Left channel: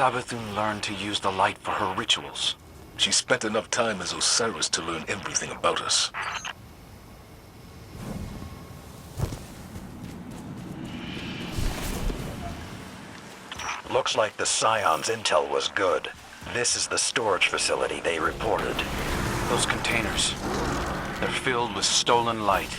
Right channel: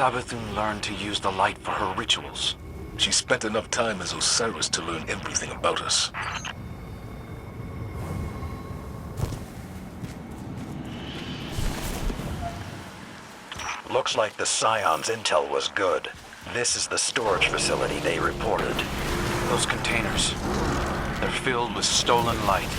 Savathun learn to use the light for her rituals? She spent enough time as Osiris to learn everything about us. Looks like the Scion's intel was good. This is the storage facility they reported. Those containers, they're filled with stolen light.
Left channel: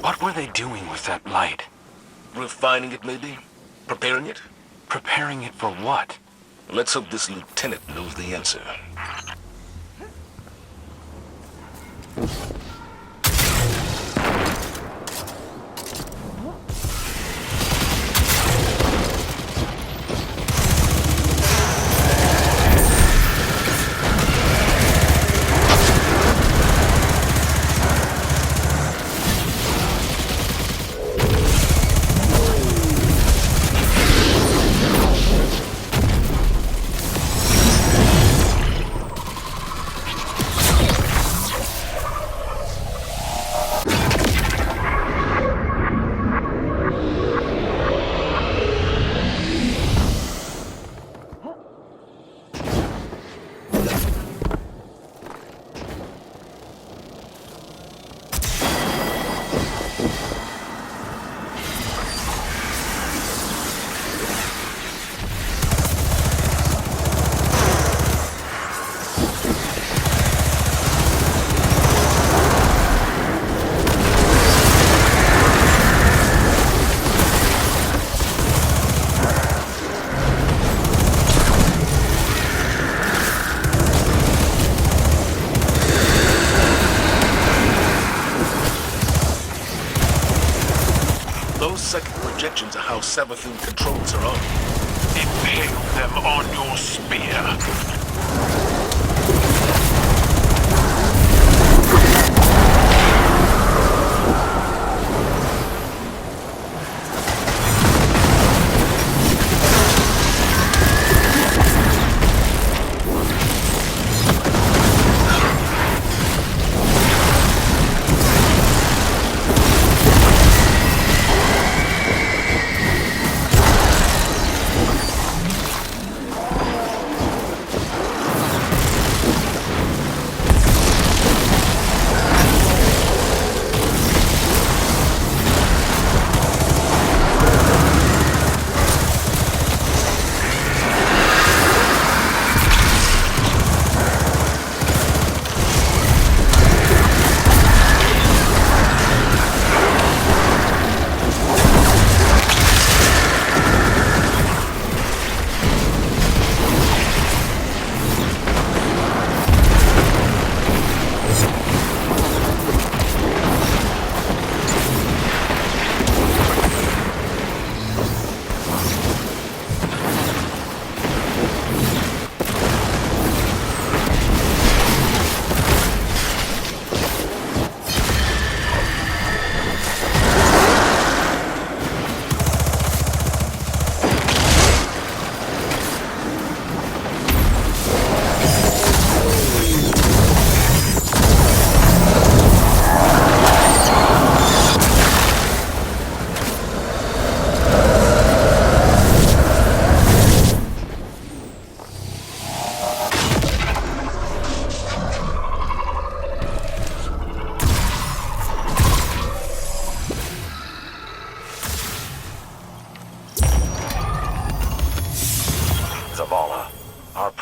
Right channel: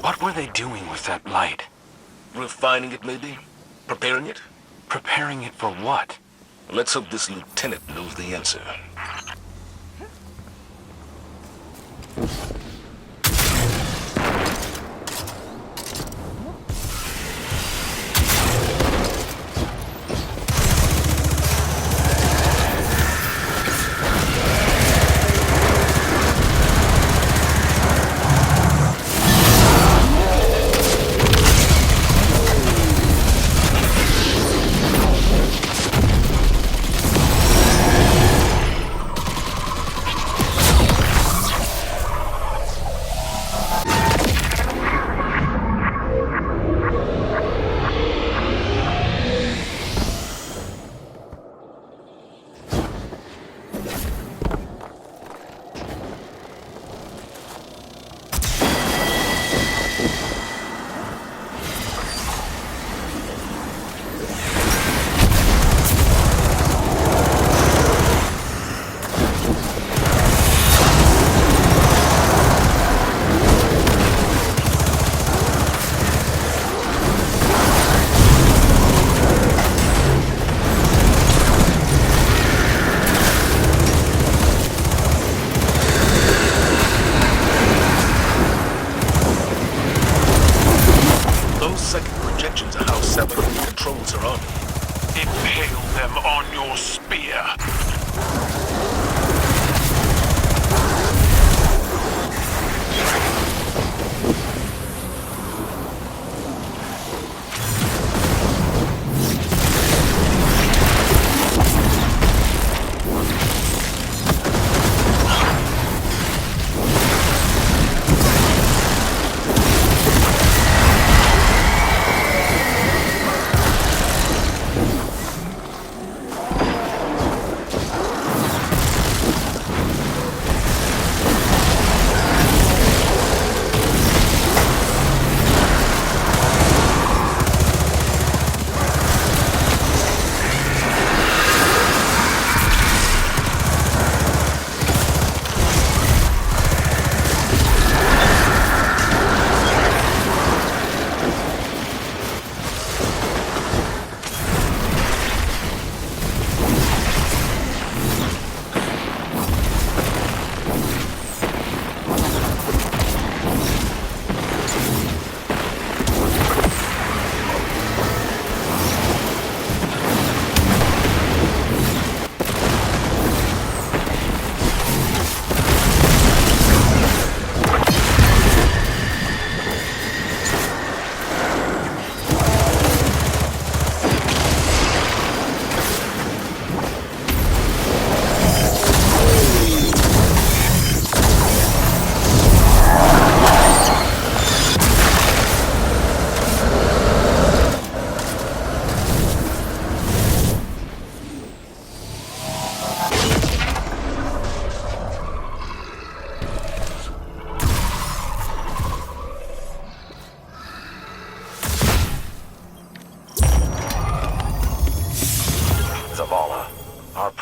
What were they doing with that light? Refining it, maybe? Preparing it? Preparing it for what? Let's hope this lieutenant knows the answer. Those second projections are how Savathun controls her own. Impale them on your spear.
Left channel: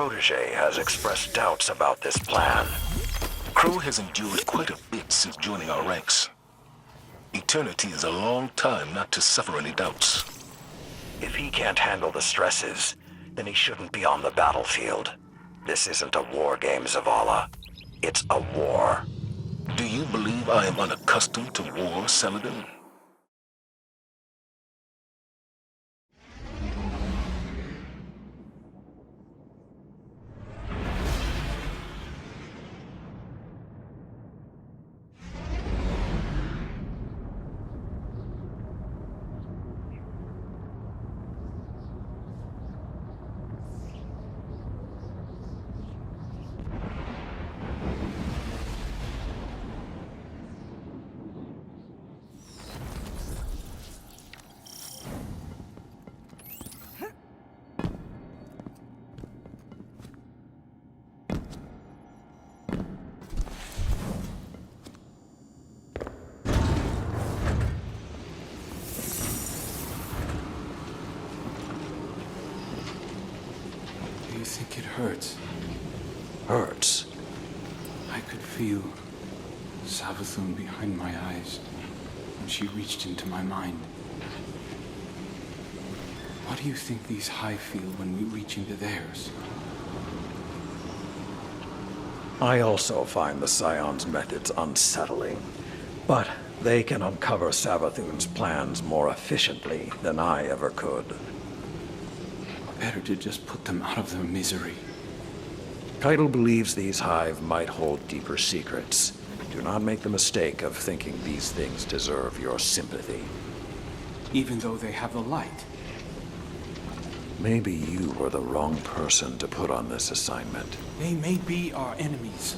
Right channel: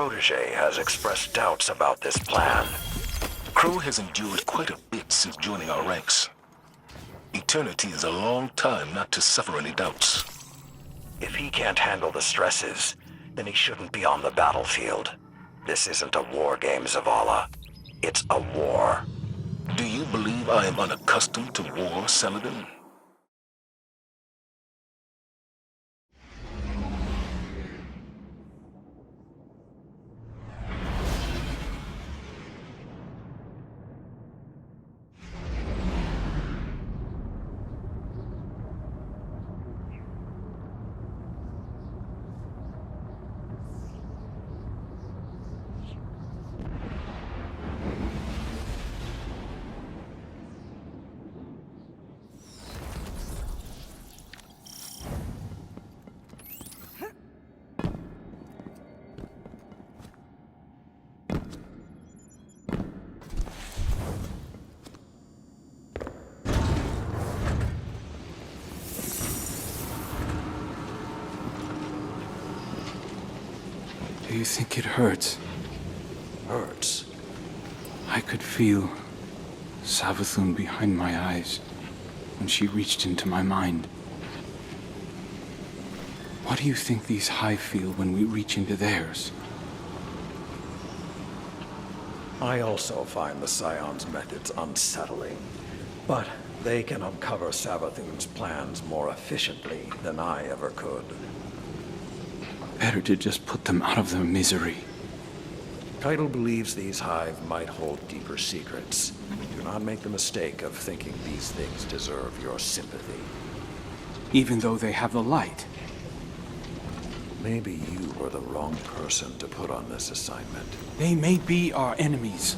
protege has expressed doubts about this plan. Crow has endured quite a bit since joining our ranks. Eternity is a long time not to suffer any doubts. If he can't handle the stresses, then he shouldn't be on the battlefield. This isn't a war game, Zavala. It's a war. Do you believe I am unaccustomed to war, Saladin? Do you think it hurts? Hurts? I could feel Savathun behind my eyes when she reached into my mind. What do you think these Hive feel when we reach into theirs? I also find the Scion's methods unsettling, but they can uncover Savathun's plans more efficiently than I ever could. Better to just put them out of their misery. Keitel believes these Hive might hold deeper secrets. Do not make the mistake of thinking these things deserve your sympathy. Even though they have the light. Maybe you were the wrong person to put on this assignment. They may be our enemies,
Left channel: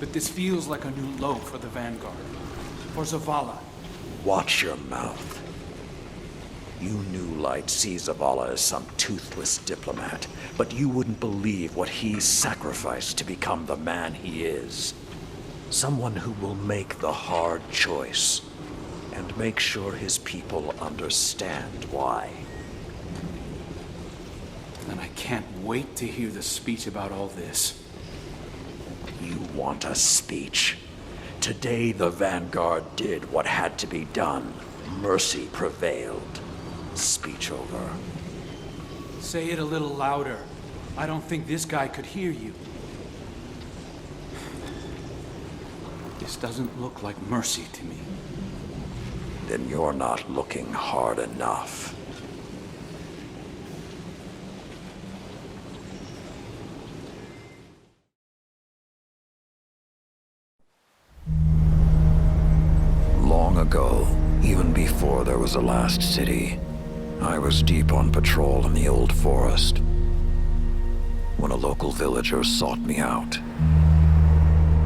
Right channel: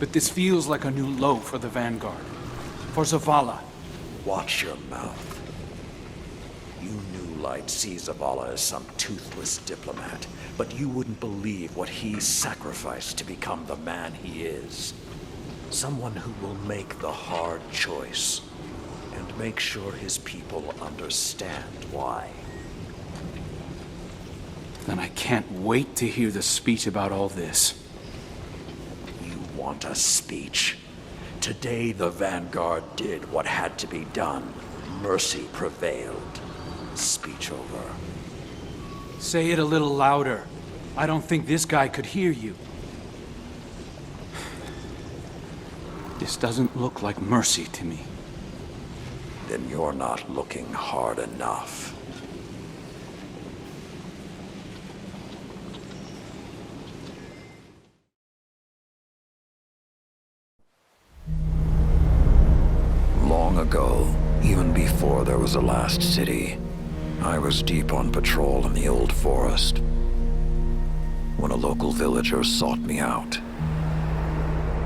but this feels like a new low for the Vanguard. For Zavala. Watch your mouth. You New Light see Zavala as some toothless diplomat, but you wouldn't believe what he sacrificed to become the man he is. Someone who will make the hard choice, and make sure his people understand why. Then I can't wait to hear the speech about all this. You want a speech? Today the Vanguard did what had to be done. Mercy prevailed. Speech over. Say it a little louder. I don't think this guy could hear you. This doesn't look like mercy to me. Then you're not looking hard enough. Long ago, even before there was a last city, I was deep on patrol in the old forest when a local villager sought me out.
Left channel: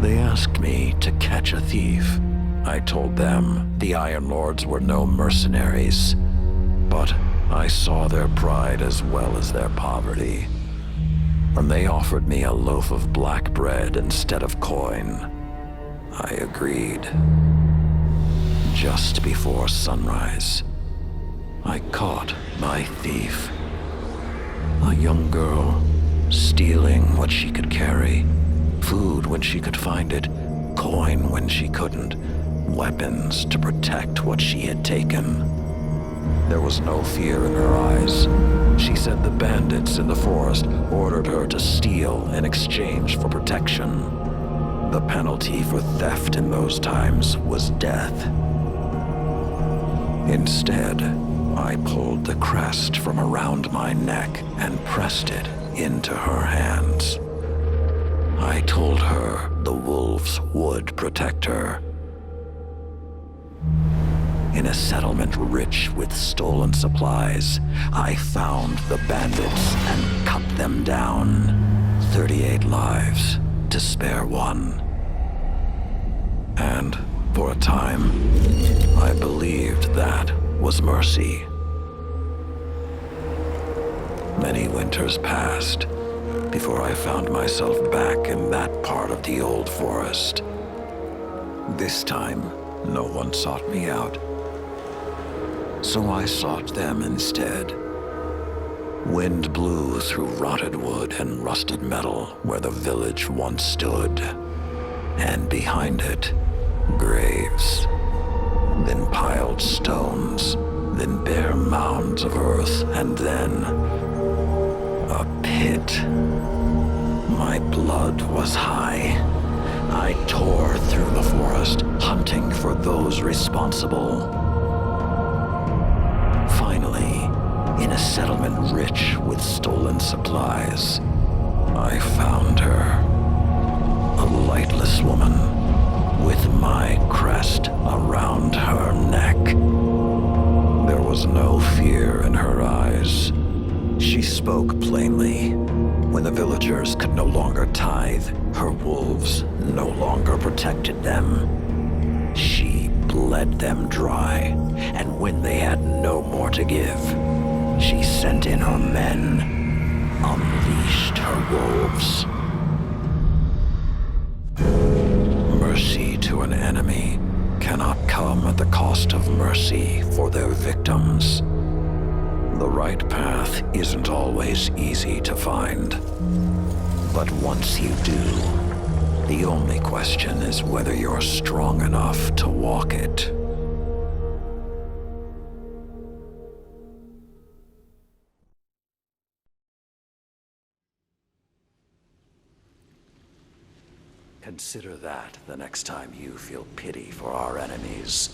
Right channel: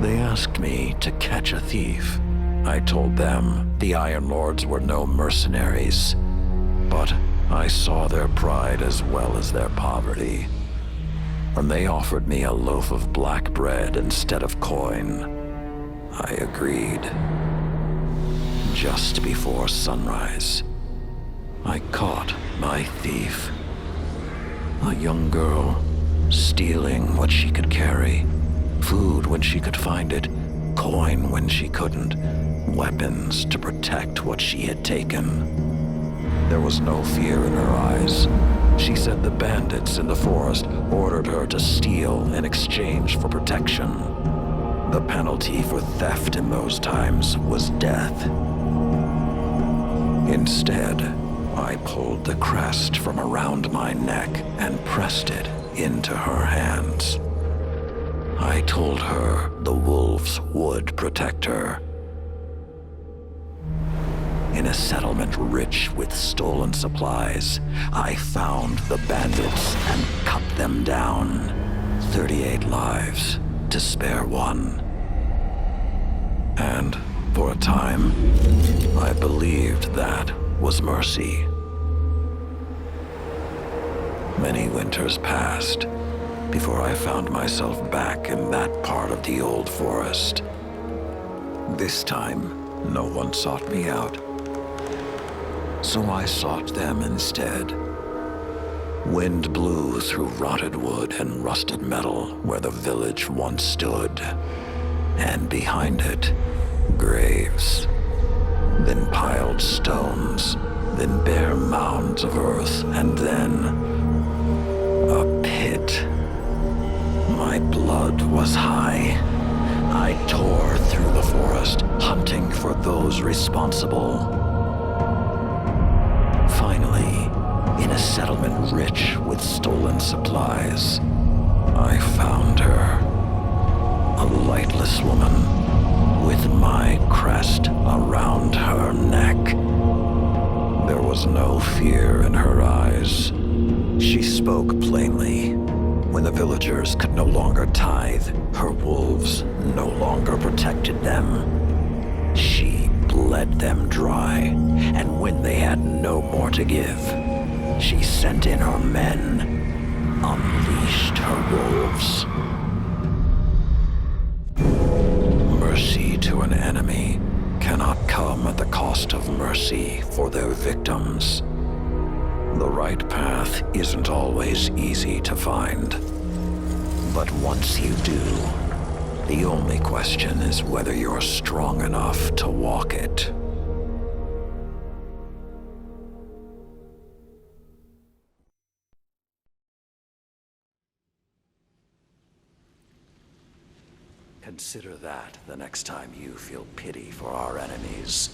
They asked me to catch a thief. I told them the Iron Lords were no mercenaries, but I saw their pride as well as their poverty. When they offered me a loaf of black bread instead of coin, I agreed. Just before sunrise, I caught my thief. A young girl, stealing what she could carry. Food when she could find it, coin when she couldn't, weapons to protect what she had taken. There was no fear in her eyes. She said the bandits in the forest ordered her to steal in exchange for protection. The penalty for theft in those times was death. Instead, I pulled the crest from around my neck and pressed it into her hands. I told her the wolves would protect her. In a settlement rich with stolen supplies, I found the bandits and cut them down. 38 lives to spare one. And for a time, I believed that was mercy. Many winters passed before I found myself back in that part of the old forest. This time, no one sought me out. So I sought them instead. Wind blew through rotted wood and rusted metal where the village once stood. And behind it, graves. Then piled stones, then bare mounds of earth, and then a pit. My blood was high. I tore through the forest, hunting for those responsible. Finally, in a settlement rich with stolen supplies, I found her. A lightless woman with my crest around her neck. There was no fear in her eyes. She spoke plainly. When the villagers could no longer tithe, her wolves no longer protected them. She bled them dry, and when they had no more to give, she sent in her men, unleashed her wolves. Mercy to an enemy cannot come at the cost of mercy for their victims. The right path isn't always easy to find. But once you do, the only question is whether you're strong enough to walk it. Consider that the next time you feel pity for our enemies.